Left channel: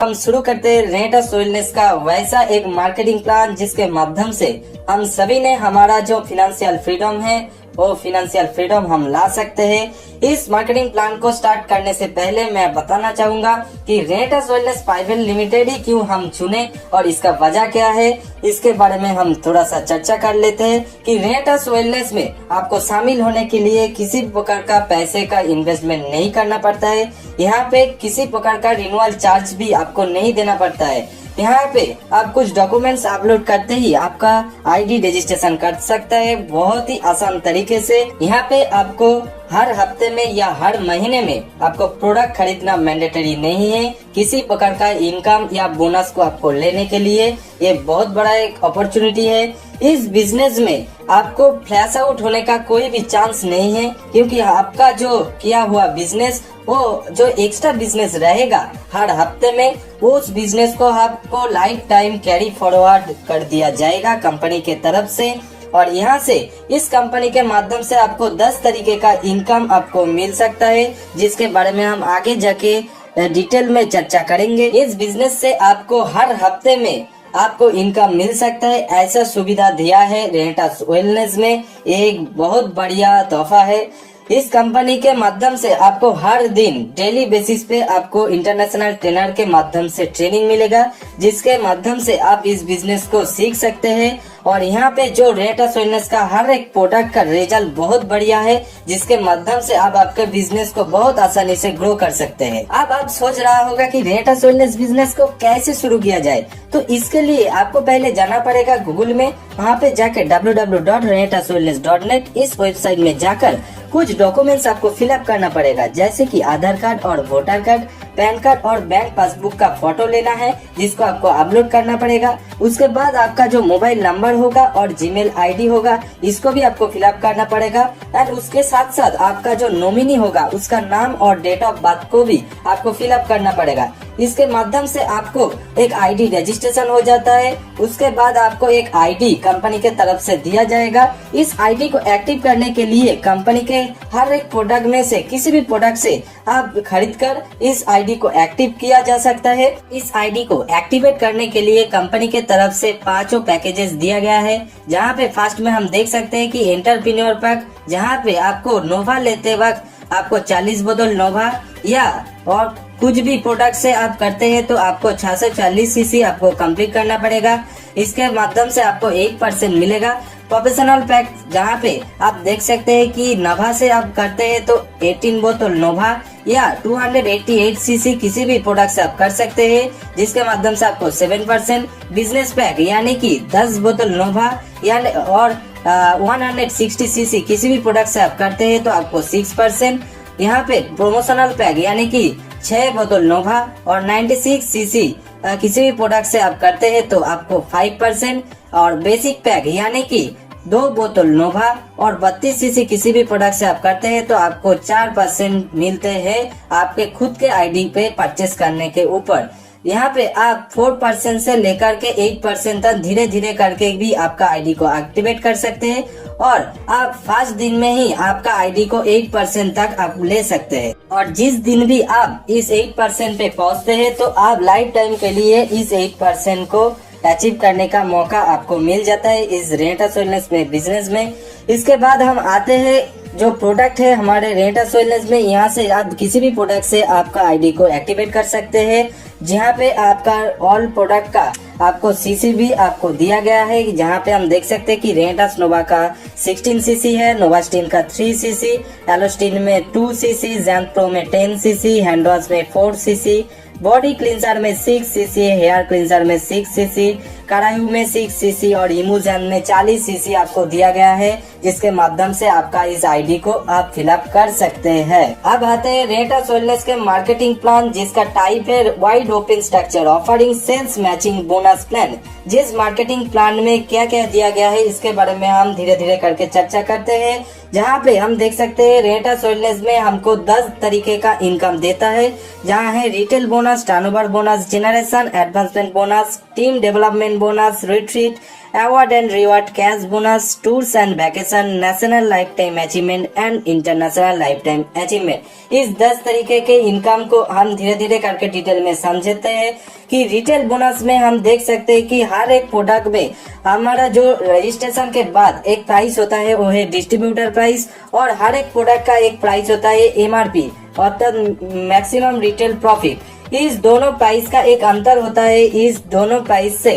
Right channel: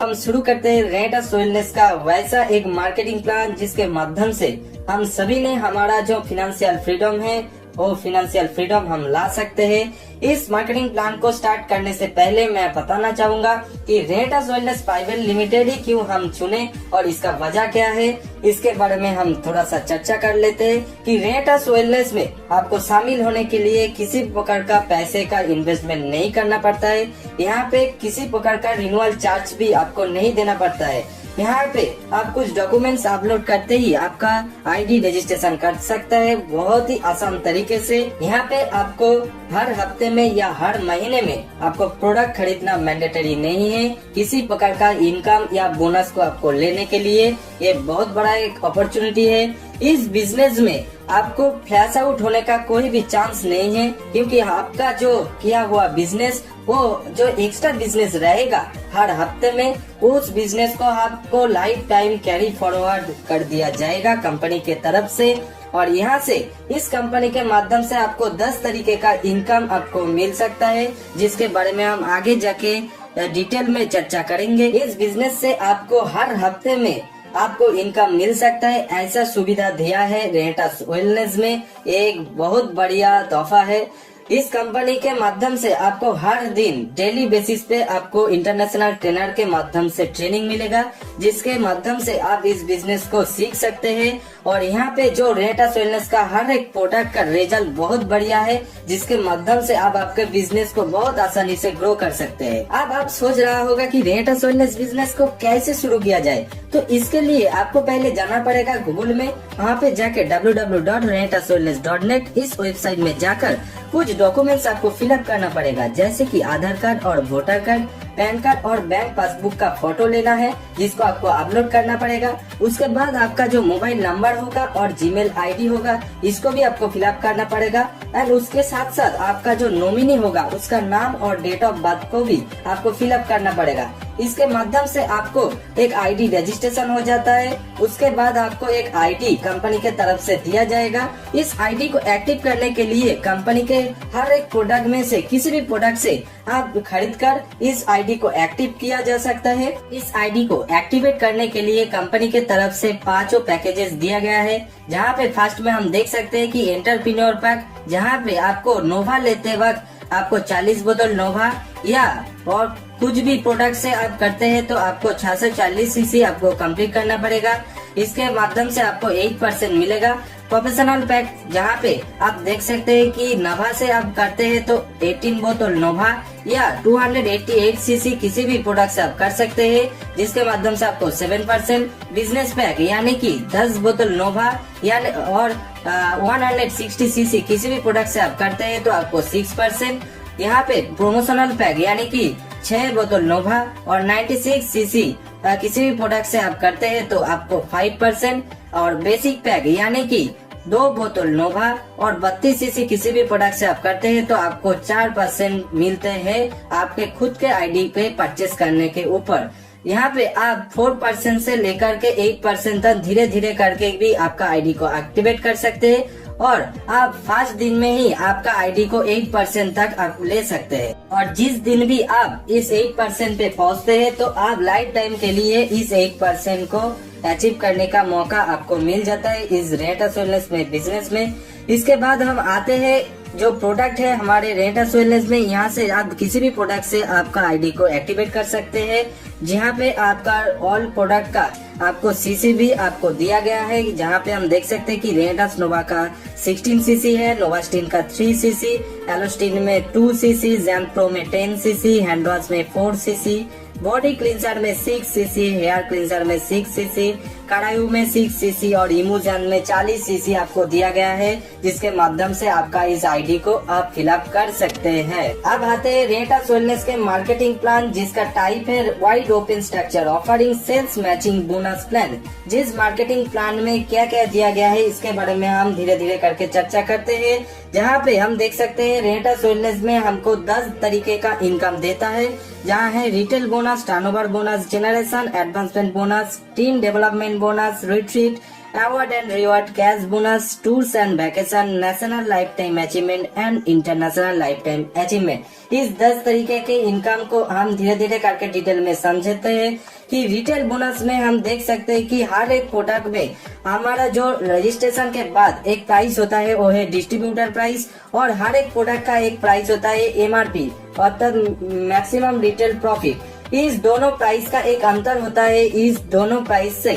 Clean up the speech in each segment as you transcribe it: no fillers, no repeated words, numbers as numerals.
हम शुरू करते हैं रेंटस वेलनेस का वैसा एक मार्केटिंग प्लान जिसके माध्यम से हम सभी ने हमारा जो फिनेंशियल फ्रीडम है वो फिनेंशियल फ्रीडम हम ला सकते हैं। इस मार्केटिंग प्लान को स्टार्ट करने से पहले मैं बताना चाहूंगा कि रेंटस वेलनेस प्राइवेट लिमिटेड ही क्यों हम चुने और इसका वजह क्या है, इसके बारे में हम थोड़ा सा चर्चा कर लेते हैं कि रेंटस वेलनेस में आपको शामिल होने के लिए किसी प्रकार का पैसे का इन्वेस्टमेंट नहीं करना पड़ता है। यहाँ पे किसी प्रकार का रिन्यूअल चार्ज भी आपको नहीं देना पड़ता है। यहाँ पे आप कुछ डॉक्यूमेंट्स अपलोड करते ही आपका आईडी रजिस्ट्रेशन कर सकता है बहुत ही आसान तरीके से। यहाँ पे आपको हर हफ्ते में या हर महीने में आपको प्रोडक्ट खरीदना मैंडेटरी नहीं है। किसी प्रकार का इनकम या बोनस को आपको लेने के लिए ये बहुत बड़ा एक अपॉर्चुनिटी है। इस बिजनेस में आपको फ्लैश आउट होने का कोई भी चांस नहीं है, क्योंकि आपका जो किया हुआ बिजनेस वो जो एक्स्ट्रा बिजनेस रहेगा हर हफ्ते में, उस बिजनेस को आपको लाइफ टाइम कैरी फॉरवर्ड कर दिया जाएगा कंपनी के तरफ से। और यहाँ से इस कंपनी के माध्यम से आपको 10 तरीके का इनकम आपको मिल सकता है, जिसके बारे में हम आगे जाके डिटेल में चर्चा करेंगे। इस बिजनेस से आपको हर हफ्ते में आपको इनकम मिल सकता है, ऐसा सुविधा दिया है रेंटस वेलनेस में। एक बहुत बढ़िया तोहफा है। इस कंपनी के माध्यम से आपको हर दिन डेली बेसिस पे आपको इंटरनेशनल ट्रेनर के माध्यम से ट्रेनिंग मिलेगा, जिसके माध्यम से आप इस बिजनेस को सीख सकते हैं। और यहाँ पे जो रेंटस वेलनेस का हर एक प्रोडक्ट का रिजल्ट बहुत बढ़िया है, जिसके माध्यम से आप आपके बिजनेस को बहुत आसानी से ग्रो कर सकते हैं। अब आप सोच रहा होगा कि रेंटस वेलनेस बिजनेस को कैसे शुरू किया जाए, तो इसके लिए आपको पहले जाना पड़ेगा गूगल में। वहाँ पे जाकर www.rentuswellness.net इस वेबसाइट में जाकर कुछ डॉक्यूमेंट्स आपको फिलअप करना पड़ेगा, जैसे कि आधार कार्ड और वोटर कार्ड, पैन कार्ड और बैंक पासबुक का फोटो लेना है, जिसको आपको अपलोड करना पड़ेगा। उसके बाद आपका जो मोबाइल नंबर होगा और जीमेल आईडी होगा, इसको भी आपको फिलअप करना पड़ेगा। एंड उसके साथ साथ आपका जो नॉमिनी होगा उसका नाम और डेट ऑफ बर्थ को भी आपको फिलअप करना पड़ेगा। इसके माध्यम से आपको एक आईडी रजिस्ट्रेशन हो जाता है। उसके बाद आपको एक आईडी कंपनी के तरफ से दिया जाएगा। इस आईडी को एक्टिव करने के लिए कंपनी के हर एक प्रोडक्ट में से किसी भी प्रोडक्ट से आप खरीदकर इस आईडी को एक्टिव किया जा सकता है। इस आईडी को एक्टिवेट करने के लिए कंपनी के तरफ से 5 पैकेजेस दिया गया है, जहाँ पे फर्स्ट में हम देख सकते हैं कि एंटरप्रेन्योर पैक, जहाँ पे आपको नोवा लेते वक्त आपको 40 बोतल नोवा या और कुछ भी प्रोडक्ट से आप करते हैं तो आपको 640 सीसी आपको कंप्लीट करना पड़ेगा। इसके माध्यम से आपको 8% मिलेगा। प्रोफेशनल पैक, जहाँ पे आप देख सकते हैं कि नोवा से आप करते हैं तो 18 बोतल नोवा या 288 सीसी किसी भी प्रोडक्ट से आप कर सकते हैं, जिसके माध्यम से आपको 7%। बिजनेस पैक यानी कि 10 बोतल नोवा यानी और 160 सीसी किसी भी प्रोडक्ट से आप करते हैं तो आपको 6%। यहाँ पे प्रोमोशनल पैक यानी कि 6 बोतल नोवा और 96 सीसी किसी भी प्रोडक्ट से आप करते हैं तो आपको 5%। और बेसिक पैक यानी कि 2 बोतल नोवा और 32 सीसी किसी भी प्रोडक्ट से आप करते हैं तो आपको 4% मिलते हैं आपके खुद के आईडी पे परचेस करने के ऊपर। यहाँ पे आप 4% से लेकर के 8% तक धीरे धीरे करके भी आपका आईडी को एक्टिवेट कर सकते हैं, और आप 5 दिन में ही आपका आईडी को 8% तक आप ले सकते हैं। और जिस दिन भी आप इस 8% पे पहुँचते हैं तो आप लाइफ टाइम के लिए इस 8% को अचीव करने का मौका आपको मिल जाता है इस रेंटस वेलनेस में बिजनेस में। इसके बाद हम आते हैं जो प्रोडक्ट है हमारे रेंटस वेलनेस में। यहाँ से आप किसी भी प्रोडक्ट से आपका आईडी को एक्टिवेट कर सकते हैं, जहाँ पे आपका ऑल प्रोडक्ट का आपको सीसी भी आपको दिया गया है। जहाँ पे हम देख सकते हैं कि रेंटस नोवा का 16 सीसी है, नोवास्टिन का 3 सीसी, एलोस्टिन में 2 सीसी, जैम्प्रो में 10 सीसी, हैंडवॉश में 4 सीसी, बॉडी क्लींसर में 6 सीसी, हेयर क्लींसर में 6 सीसी, करायू में 6 सीसी और इमोजन में 40 सीसी आपको दिया गया है, जिसके माध्यम से आपका इस आईडी को आप फिलअप कर सकते हैं। अब आते हैं रेंटस वेलनेस के मार्केटिंग प्लान, जिसका टाइप है wide open structure offering sales matching bonus plan. जिस मार्केटिंग प्लान में क्या क्या दिया गया है इसके बारे में हम धीरे धीरे करके चर्चा करते हैं। जहाँ पे हम देख सकते हैं रेंटस वेलनेस में हमको 10 तरीके का इनकम देता है, जहाँ है retail bonus, bonus, turnover bonus, generation advancement bonus, team development bonus, retreat, award and reward, cash bonus, tours and vacation, national life time achievement and international life time achievement. इस 10 तरीके के इनकम को हम धीरे धीरे करके डिटेल में समझते हैं कि रिटेल बोनस में हम देख सकते हैं कि हर एक प्रोडक्ट में हमारा जो रजिस्ट्रेशन के बाद एक प्राइस होता है वो है डिस्ट्रीब्यूटर प्राइस, और हर एक प्रोडक्ट का एक प्राइस होता है एमआरपी अर्थात मैक्सिमम रिटेल प्रॉफिट। इस दोनों प्राइस का एक अंतर होता है। इस दोनों प्राइस से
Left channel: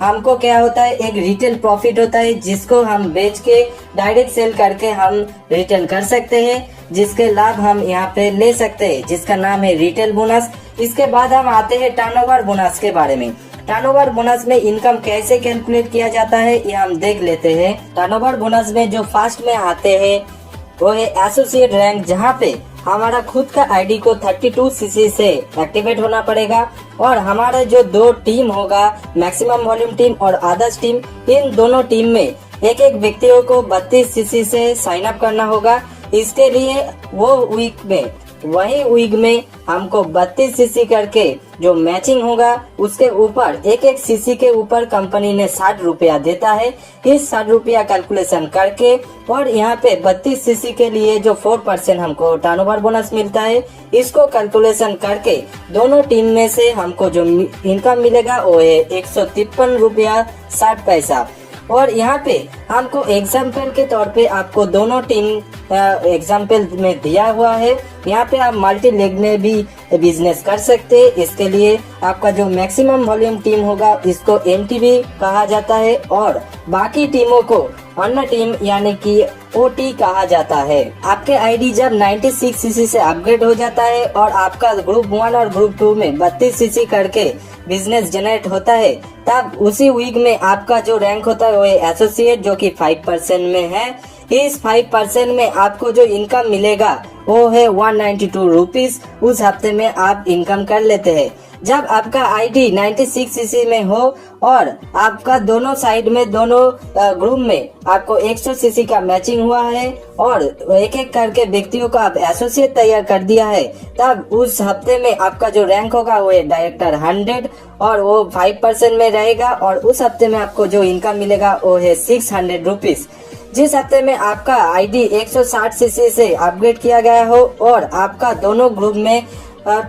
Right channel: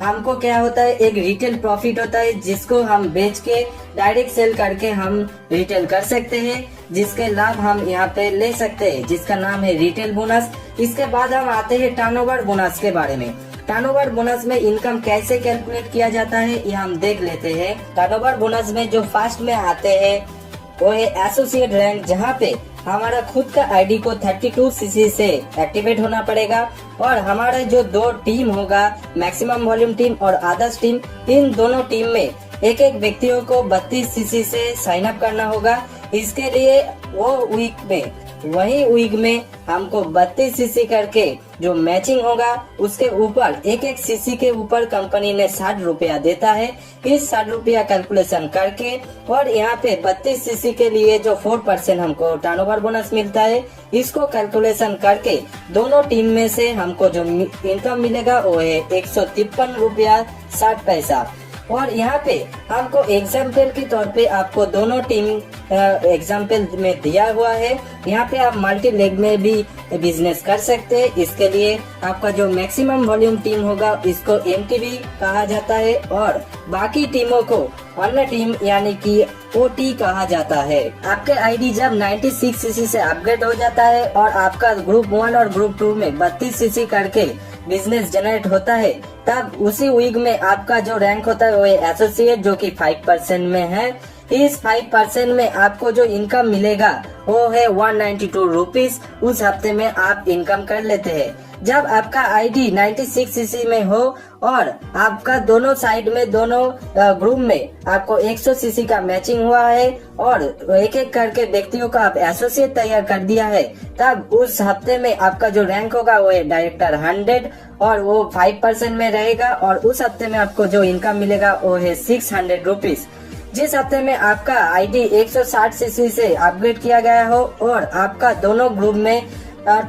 हमको क्या होता है, एक रिटेल प्रॉफिट होता है जिसको हम बेच के डायरेक्ट सेल करके हम रिटेल कर सकते हैं, जिसके लाभ हम यहाँ पे ले सकते हैं, जिसका नाम है रिटेल बोनस। इसके बाद हम आते हैं टर्नओवर बोनस के बारे में। टर्नओवर बोनस में इनकम कैसे कैलकुलेट किया जाता है ये हम देख लेते हैं। टर्नओवर बोनस में जो फर्स्ट में आते हैं वो है एसोसिएट रैंक, जहाँ पे हमारा खुद का आईडी को 32 सीसी से एक्टिवेट होना पड़ेगा, और हमारा जो 2 टीम होगा, मैक्सिमम वॉल्यूम टीम और अदर्स टीम, इन दोनों टीम में एक एक व्यक्तियों को 32 सीसी से साइन अप करना होगा। इसके लिए वो वही वीक में हमको 32 सीसी करके जो मैचिंग होगा उसके ऊपर एक एक सीसी के ऊपर कंपनी ने 60 रुपया देता है। इस 60 रुपया कैलकुलेशन करके और यहाँ पे 32 सीसी के लिए जो 4% हमको टर्नओवर बोनस मिलता है, इसको कैलकुलेशन करके दोनों टीम में से हमको जो इनकम मिलेगा वो है 153 रुपया 60 पैसा। और यहाँ पे हमको एग्जाम्पल के तौर पे आपको दोनों टीम एग्जाम्पल में दिया हुआ है। यहाँ पे आप मल्टी लेग में भी बिजनेस कर सकते हैं। इसके लिए आपका जो मैक्सिमम वॉल्यूम टीम होगा इसको एमटीवी कहा जाता है, और बाकी टीमों को अन्य टीम यानी कि ओटी कहा जाता है। आपके आईडी जब 96 सीसी से अपग्रेड हो जाता है और आपका ग्रुप 1 और ग्रुप 2 में 32 सीसी करके बिजनेस जनरेट होता है, तब उसी वीक में आपका जो रैंक होता है वो है एसोसिएट, जो कि 5% में है। इस 5% में आपको जो इनकम मिलेगा वो है 192 रुपीज। उस हफ्ते में आप इनकम कर लेते हैं। जब आपका आईडी 96 सीसी में हो और आपका दोनों साइड में दोनों ग्रुप में आपको 100 सीसी का मैचिंग हुआ है और एक एक करके व्यक्तियों को आप एसोसिएट तैयार कर दिया है, तब उस हफ्ते में आपका जो रैंक होगा वो है डायरेक्टर 100 और वो 5% में रहेगा, और उस हफ्ते में आपको जो इनकम मिलेगा वो है 600 रुपीज। जिस हफ्ते में आपका आईडी 160 सीसी से अपग्रेड किया गया हो और आपका दोनों ग्रुप में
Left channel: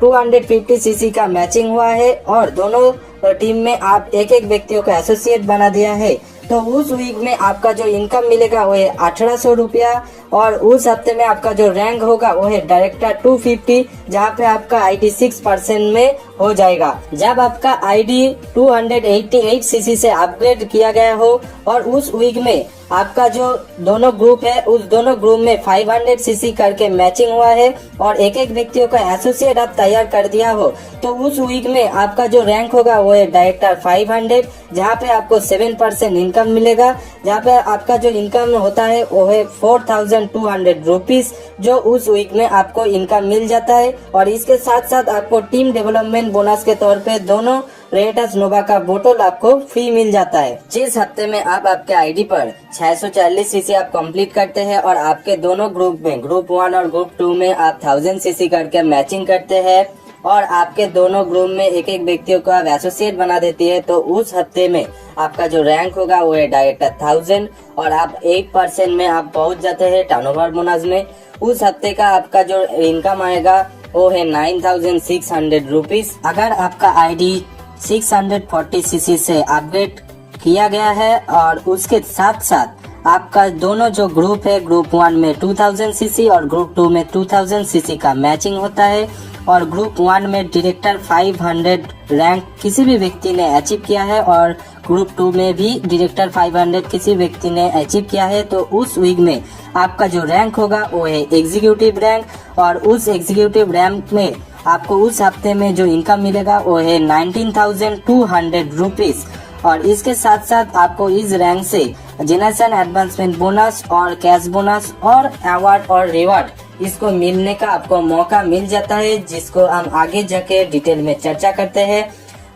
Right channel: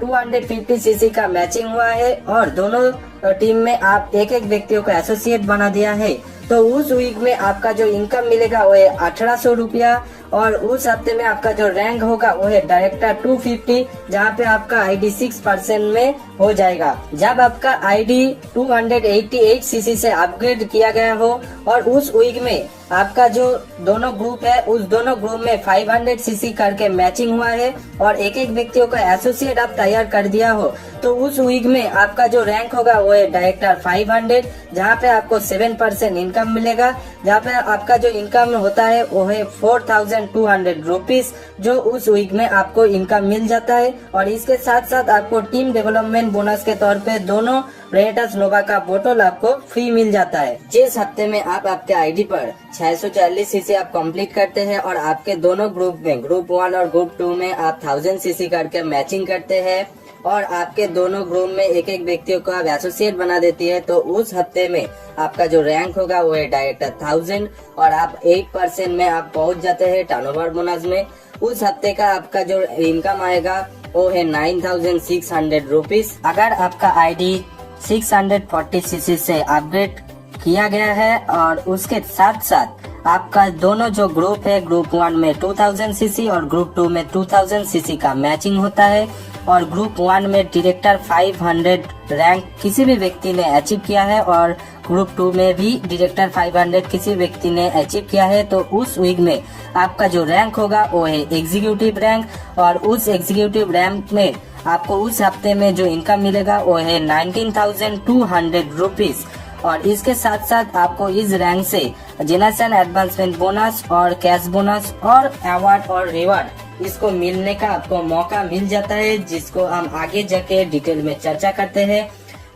250 सीसी का मैचिंग हुआ है और दोनों टीम में आप एक एक व्यक्तियों को एसोसिएट बना दिया है, तो उस वीक में आपका जो इनकम मिलेगा वो है 1800 रुपया, और उस हफ्ते में आपका जो रैंक होगा वो है डायरेक्टर 250, जहाँ पे आपका आईडी 6% में हो जाएगा। जब आपका आईडी 288 सीसी से अपग्रेड किया गया हो और उस वीक में आपका जो दोनों ग्रुप है उस दोनों ग्रुप में 500 सीसी करके मैचिंग हुआ है और एक एक व्यक्तियों का एसोसिएट आप तैयार कर दिया हो, तो उस वीक में आपका जो रैंक होगा वो है डायरेक्टर 500, जहाँ पे आपको 7% इनकम मिलेगा। जहाँ पे आपका जो इनकम होता है वो है 4200 रुपीज, जो उस वीक में आपको इनकम मिल जाता है। और इसके साथ साथ आपको टीम डेवलपमेंट बोनस के तौर पे दोनों रेटास नोवा का बोतल आपको फ्री मिल जाता है। जिस हफ्ते में आप आपके आईडी पर 640 सीसी आप कंप्लीट करते हैं और आपके दोनों ग्रुप में ग्रुप 1 और ग्रुप 2 में आप 1000 सीसी करके मैचिंग करते हैं और आपके दोनों ग्रुप में एक एक व्यक्तियों को आप एसोसिएट बना देती है, तो उस हफ्ते में आपका जो रैंक होगा वो है डायरेक्टर 1000 और आप 8% में आप पहुंच जाते हैं टर्नओवर बोनस में। उस हफ्ते का आपका जो इनकम आएगा वो है 9600 रुपीज। अगर आपका आईडी 640 सीसी से अपग्रेड किया गया है और उसके साथ साथ आपका दोनों जो ग्रुप है ग्रुप 1 में 2000 सीसी और ग्रुप 2 में 2000 सीसी का मैचिंग होता है और ग्रुप 1 में डायरेक्टर 500 रैंक किसी भी व्यक्ति ने अचीव किया है और ग्रुप 2 में भी डायरेक्टर 500 किसी व्यक्ति ने अचीव किया है, तो उस वीक में आपका जो रैंक होगा वो है एग्जीक्यूटिव रैंक और उस एग्जीक्यूटिव रैंक में आपको उस हफ्ते में जो इनकम मिलेगा वो है 19,200 रुपीज। और इसके साथ साथ आपको इस रैंक से जनरेशन एडवांसमेंट बोनस और कैश बोनस और अवार्ड और रिवार्ड इसको मिलने का आपको मौका मिल जाता है, जिसको हम आगे जाके डिटेल में चर्चा करते हैं।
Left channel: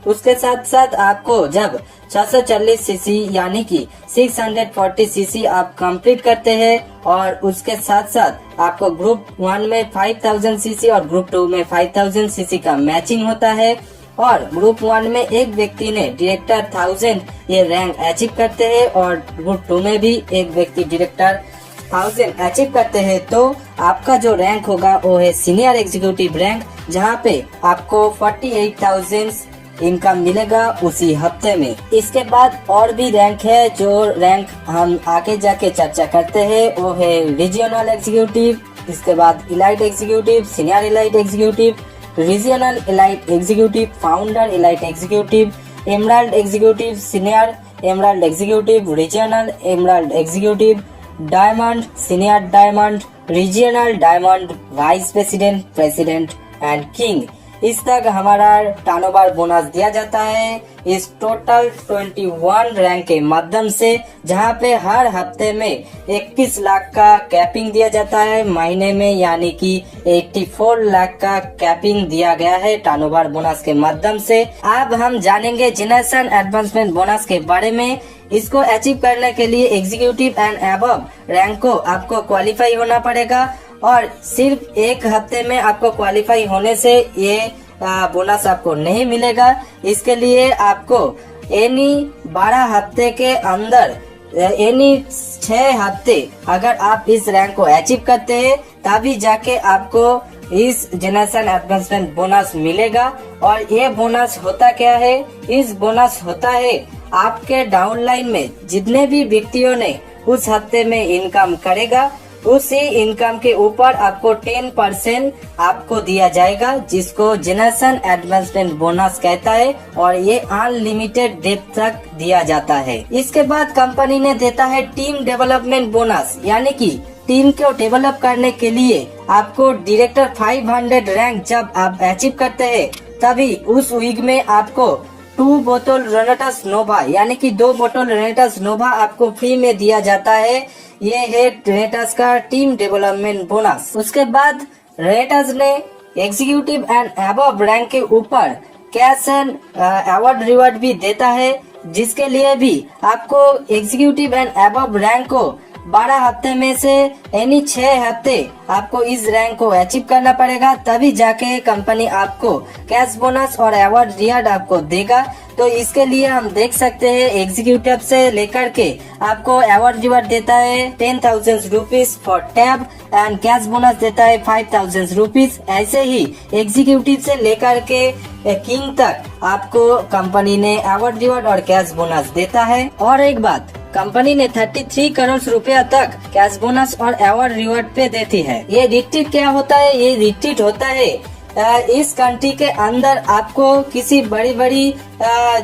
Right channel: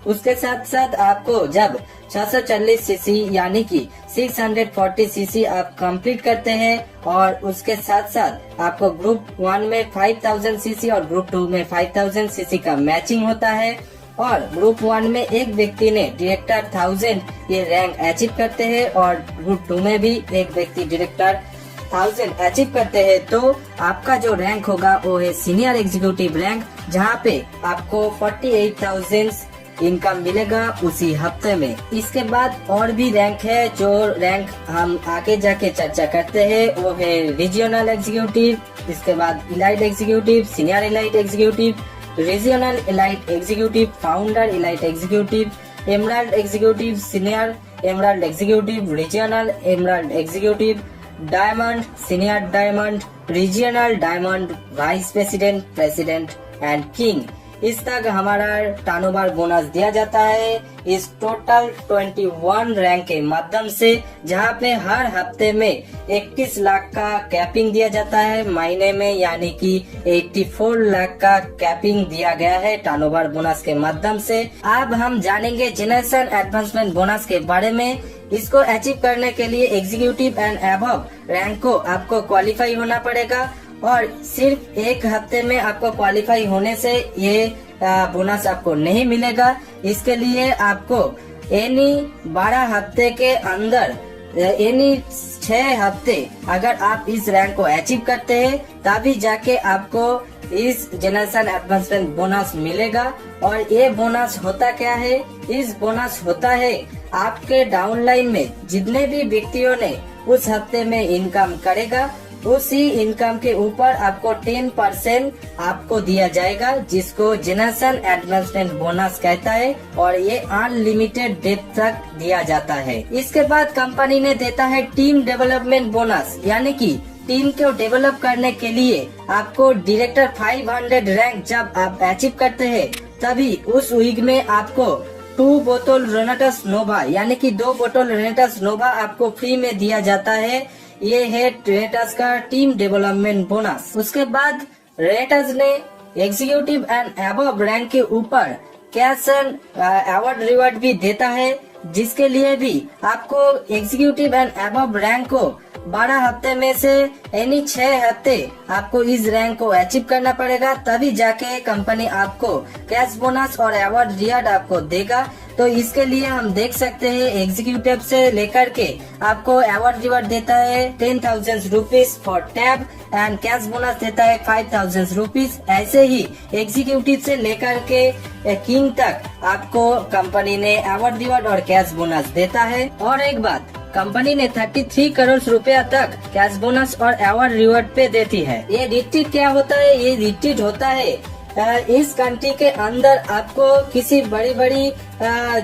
उसके साथ साथ आपको जब 640 सीसी यानी कि 640 सीसी आप कंप्लीट करते हैं और उसके साथ साथ आपको ग्रुप 1 में 5000 सीसी और ग्रुप 2 में 5000 सीसी का मैचिंग होता है और ग्रुप 1 में एक व्यक्ति ने डायरेक्टर 1000 ये रैंक अचीव करते हैं और ग्रुप 2 में भी एक व्यक्ति डायरेक्टर 1000 अचीव करते हैं तो आपका जो रैंक होगा वो है सीनियर एग्जीक्यूटिव रैंक, जहाँ पे आपको 48,000 इनकम मिलेगा उसी हफ्ते में। इसके बाद और भी रैंक है, जो रैंक हम आगे जाके चर्चा करते हैं वो है रीजनल एग्जीक्यूटिव, इसके बाद elite executive, senior elite executive, regional elite executive, founder elite executive, emerald executive, senior emerald executive, regional emerald executive, diamond, senior diamond, regional diamond, vice president, president and king. इस तक हमारा turnover bonus दिया जाता है इस total 21 rank के माध्यम से, जहां पे हर हफ्ते में 21 लाख का कैपिंग दिया जाता है महीने में, यानी कि 84 लाख का कैपिंग दिया गया है टर्नओवर बोनस के माध्यम से। अब हम जानेंगे जनरेशन एडवांसमेंट बोनस के बारे में। इसको अचीव करने के लिए एग्जीक्यूटिव एंड अबव रैंक को आपको क्वालिफाई होना पड़ेगा और सिर्फ एक हफ्ते में आपको क्वालिफाई होने से ये बोनस आपको नहीं मिलेगा। इसके लिए आपको एनी 12 हफ्ते के अंदर एनी 6 हफ्ते अगर आप इस रैंक को अचीव करते हैं तभी जाके आपको इस जनरेशन एडवांसमेंट बोनस मिलेगा। और ये बोनस होता क्या है? इस बोनस होता है आपके डाउनलाइन में जितने भी व्यक्तियों ने उस हफ्ते में इनकम करेगा उसी इनकम के ऊपर आपको 10% आपको दिया जाएगा, जिसको जनरेशन एडवांसमेंट बोनस कहता है और ये अनलिमिटेड डेट तक दिया जाता है। इसके बाद कंपनी ने देता है टीम डेवलपमेंट बोनस, यानी कि टीम को डेवलप करने के लिए आपको डायरेक्टर 500 रैंक जब आप अचीव करते हैं तभी उस वीक में आपको 2 बोतल रेनेटस नोवा यानी कि 2 बोतल रेनेटस नोवा आपको फ्री में दिया जाता है। ये है रेनेटस का टीम डेवलपमेंट बोनस। उसके बाद रेनेटस ने एग्जीक्यूटिव एंड अबव रैंक के ऊपर कैश एंड अवार्ड रिवार्ड भी देता है, जिसके लिए भी आपको एग्जीक्यूटिव एंड अबव रैंक को 12 हफ्ते में से एनी 6 हफ्ते आपको इस रैंक को अचीव करना पड़ेगा, तभी जाके कंपनी आपको कैश बोनस और अवार्ड रिवार्ड आपको देगा। तो इसके लिए हम देख सकते हैं एग्जीक्यूटिव से लेकर के आपको अवार्ड रिवार्ड देता है 10,000 rupees for tab and cash bonus देता है 5,000 रुपीज। ऐसे ही एग्जीक्यूटिव से लेकर के किंग तक आपको कंपनी ने अवार्ड रिवार्ड और कैश बोनस देता है। और एक बात, कंपनी ने 33 करोड़ रुपया तक कैश बोनस और अवार्ड रिवार्ड पे देती है। ये रिट्रीट क्या होता है? ये रिट्रीट होता है इस कंट्री के अंदर आपको किसी बड़ी बड़ी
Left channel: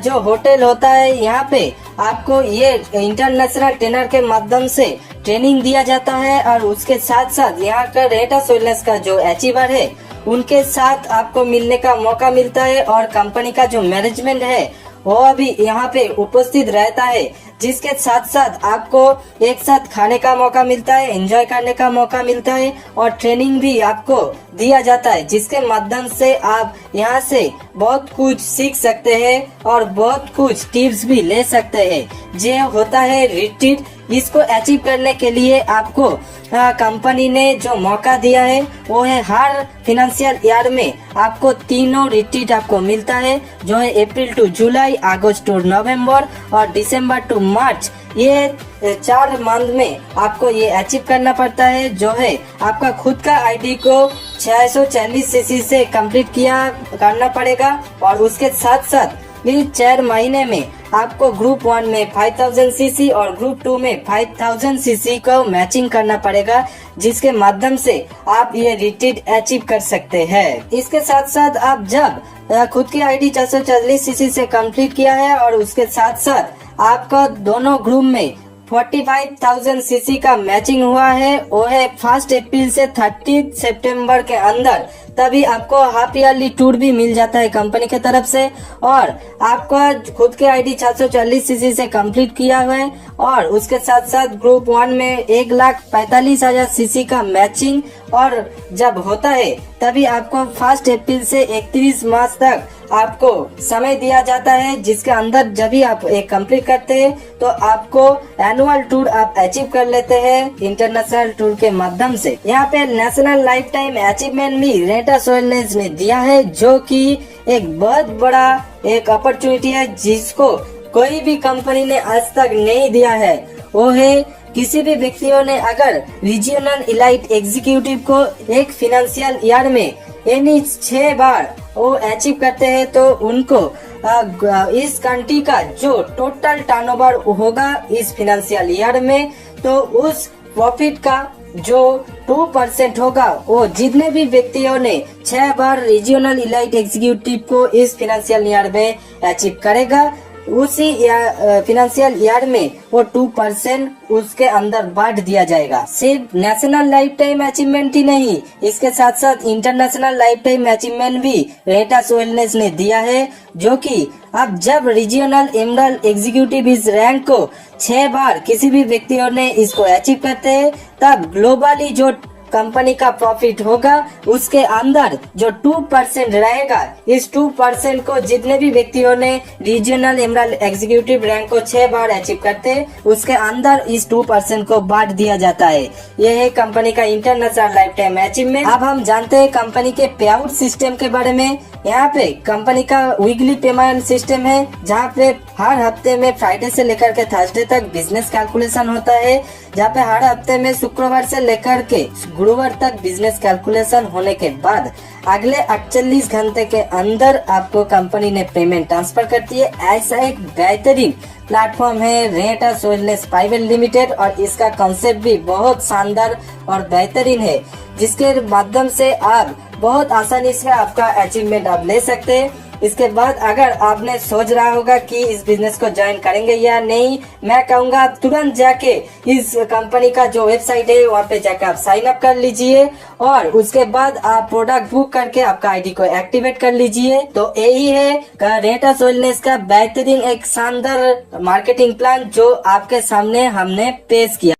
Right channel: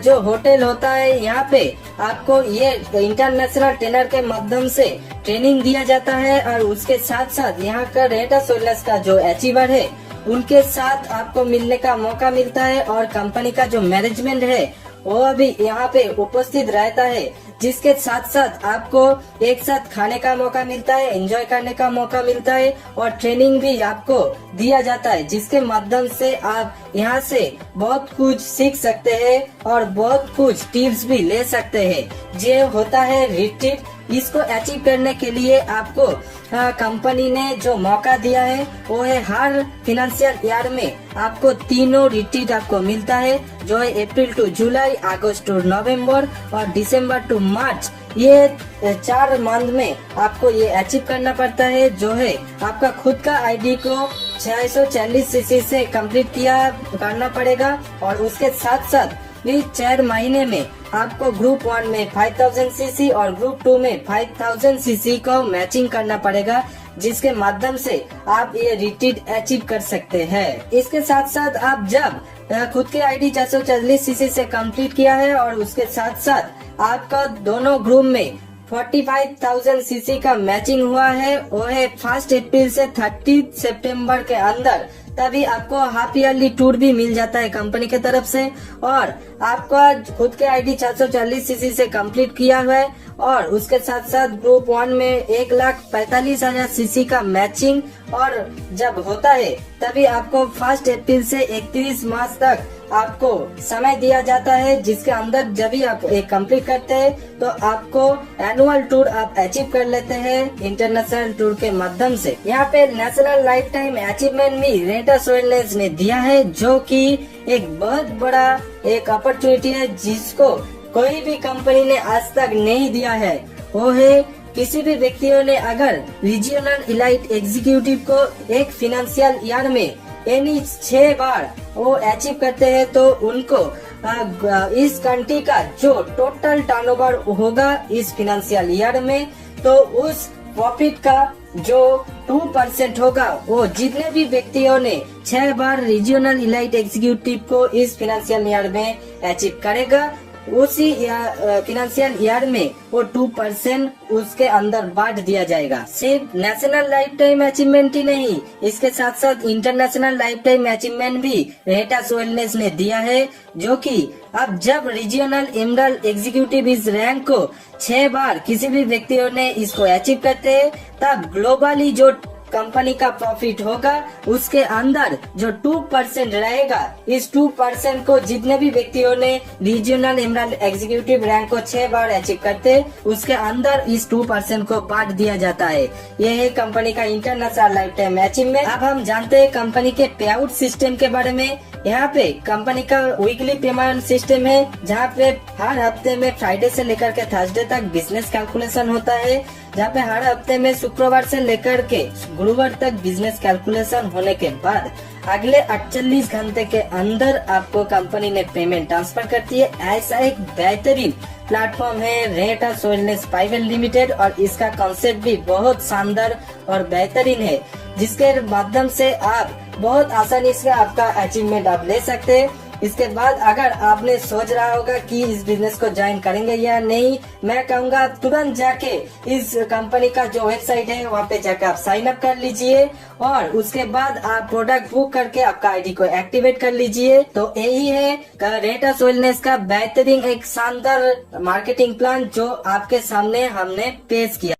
जो होटल होता है यहाँ पे आपको ये इंटरनेशनल ट्रेनर के माध्यम से ट्रेनिंग दिया जाता है और उसके साथ साथ यहाँ के रेनेटस वेलनेस का जो अचीवर है उनके साथ आपको मिलने का मौका मिलता है और कंपनी का जो मैनेजमेंट है वो अभी यहाँ पे उपस्थित रहता है, जिसके साथ साथ आपको एक साथ खाने का मौका मिलता है, एंजॉय करने का मौका मिलता है और ट्रेनिंग भी आपको दिया जाता है, जिसके माध्यम से आप यहाँ से बहुत कुछ सीख सकते हैं और बहुत कुछ टिप्स भी ले सकते हैं। जो होता है रिट्रीट, इसको अचीव करने के लिए आपको कंपनी ने जो मौका दिया है वो है हर फिनेंशियल ईयर में आपको तीनों रिट्रीट आपको मिलता है, जो है अप्रैल टू जुलाई, अगस्त टू नवंबर और दिसंबर टू मार्च। ये 4 मंथ में आपको ये अचीव करना पड़ता है, जो है आपका खुद का आईडी को 640 सीसी से कंप्लीट करना पड़ेगा और उसके साथ साथ इस 4 महीने में आपको ग्रुप 1 में 5000 सीसी और ग्रुप 2 में 5000 सीसी को मैचिंग करना पड़ेगा, जिसके माध्यम से आप ये रिट्रीट अचीव कर सकते हैं। इसके साथ साथ आप जब खुद की आईडी 440 सीसी से कंप्लीट किया है और उसके साथ साथ आपका दोनों ग्रुप में 45,000 सीसी का मैचिंग हुआ है, वो है 1 अप्रैल से 30 सितंबर के अंदर, तभी आपको हाफ ईयरली टूर भी मिल जाता है कंपनी की तरफ से। और आपका खुद के आईडी 440 सीसी से कंप्लीट किया हुआ है और उसके साथ साथ ग्रुप 1 में 1,45,000 सीसी का मैचिंग और जब होता है तभी आपको 1 अप्रैल से 31 मार्च तक आपको समय दिया जाता है, जिसके अंदर जब भी आप एक कंप्लीट करते हैं तो आपको एनुअल टूर आप अचीव कर लेते हैं इंटरनेशनल टूर के माध्यम से। यहाँ पे नेशनल लाइफ टाइम अचीवमेंट भी रेटास वेलनेस ने दिया है, जो कि एक बहुत बड़ा एक अपॉर्चुनिटी है जिसको कोई भी कंपनी ने आज तक नहीं दिया है। वो है किसी भी व्यक्तियों ने अगर रीजनल इलाइट एग्जीक्यूटिव को एक फाइनेंशियल ईयर में यानी 6 बार वो अचीव करते हैं तो उनको इस कंट्री का जो टोटल टर्नओवर होगा इस फाइनेंशियल ईयर में, तो उस प्रॉफिट का जो 2% होगा वो जितने भी व्यक्तियों ने 6 बार रीजनल इलाइट एग्जीक्यूटिव को इस फाइनेंशियल ईयर में अचीव करेगा, उसी फाइनेंशियल ईयर में वो 2% उसके अंदर बांट दिया जाएगा। सिर्फ नेशनल लाइफ टाइम अचीवमेंट ही नहीं, इसके साथ साथ इंटरनेशनल लाइफ टाइम अचीवमेंट भी रेटास वेलनेस ने दिया है, जो कि अब जब रीजनल एमरल्ड एग्जीक्यूटिव इस रैंक को 6 बार किसी भी व्यक्तियों ने इसको अचीव करते हैं, तब ग्लोबली जो कंपनी का प्रॉफिट होगा उसके अंदर जो 2% रहेगा, इस 2% को जितने भी व्यक्तियों ने रीजनल एमरल्ड एग्जीक्यूटिव रैंक को 6 बार अचीव करते उसके अंदर इस 2% को बांट दिया जाता है। यह है कंपनी का इंटरनेशनल लाइफ टाइम अचीवमेंट। अब हम जानते हैं कंपनी के पे आउट सिस्टम के बारे में। यहाँ पे कंपनी का वीकली पेमेंट सिस्टम है, जहाँ पे हर हफ्ते में फ्राइडे से लेकर के थर्सडे तक बिजनेस कैलकुलेशन होता है, जहाँ पे हर हफ्ते में शुक्रवार से लेकर के गुरुवार तक बिजनेस कैलकुलेशन होने के बाद अगले 48 घंटे के अंदर आपको कंपनी ने पेमेंट ट्रांसफर करती है। ऐसा एक बेहतरीन प्लेटफॉर्म है रेटास वेलनेस प्राइवेट लिमिटेड और इसका कॉन्सेप्ट भी बहुत शानदार और बेहतरीन है, जिसके माध्यम से आप बहुत आसानी से आपका अचीवमेंट आप ले सकते हैं। इसके बाद अगर आपने सोच रहा होगा कि इस बिजनेस को ज्वाइन करेंगे या नहीं, मैं कहूँगा आप तुरंत जाके इस कंपनी का जो वेबसाइट है वहाँ पे जाकर आप साइन अप कर लीजिए और उसके बाद आप प्रोडक्ट बुक करके आपका आईडी को एक्टिवेट कर लीजिए। तो यही है रेटास वेलनेस का बेहतरीन एक शानदार मार्केटिंग प्लान जो आपके सामने हमने पेश किया।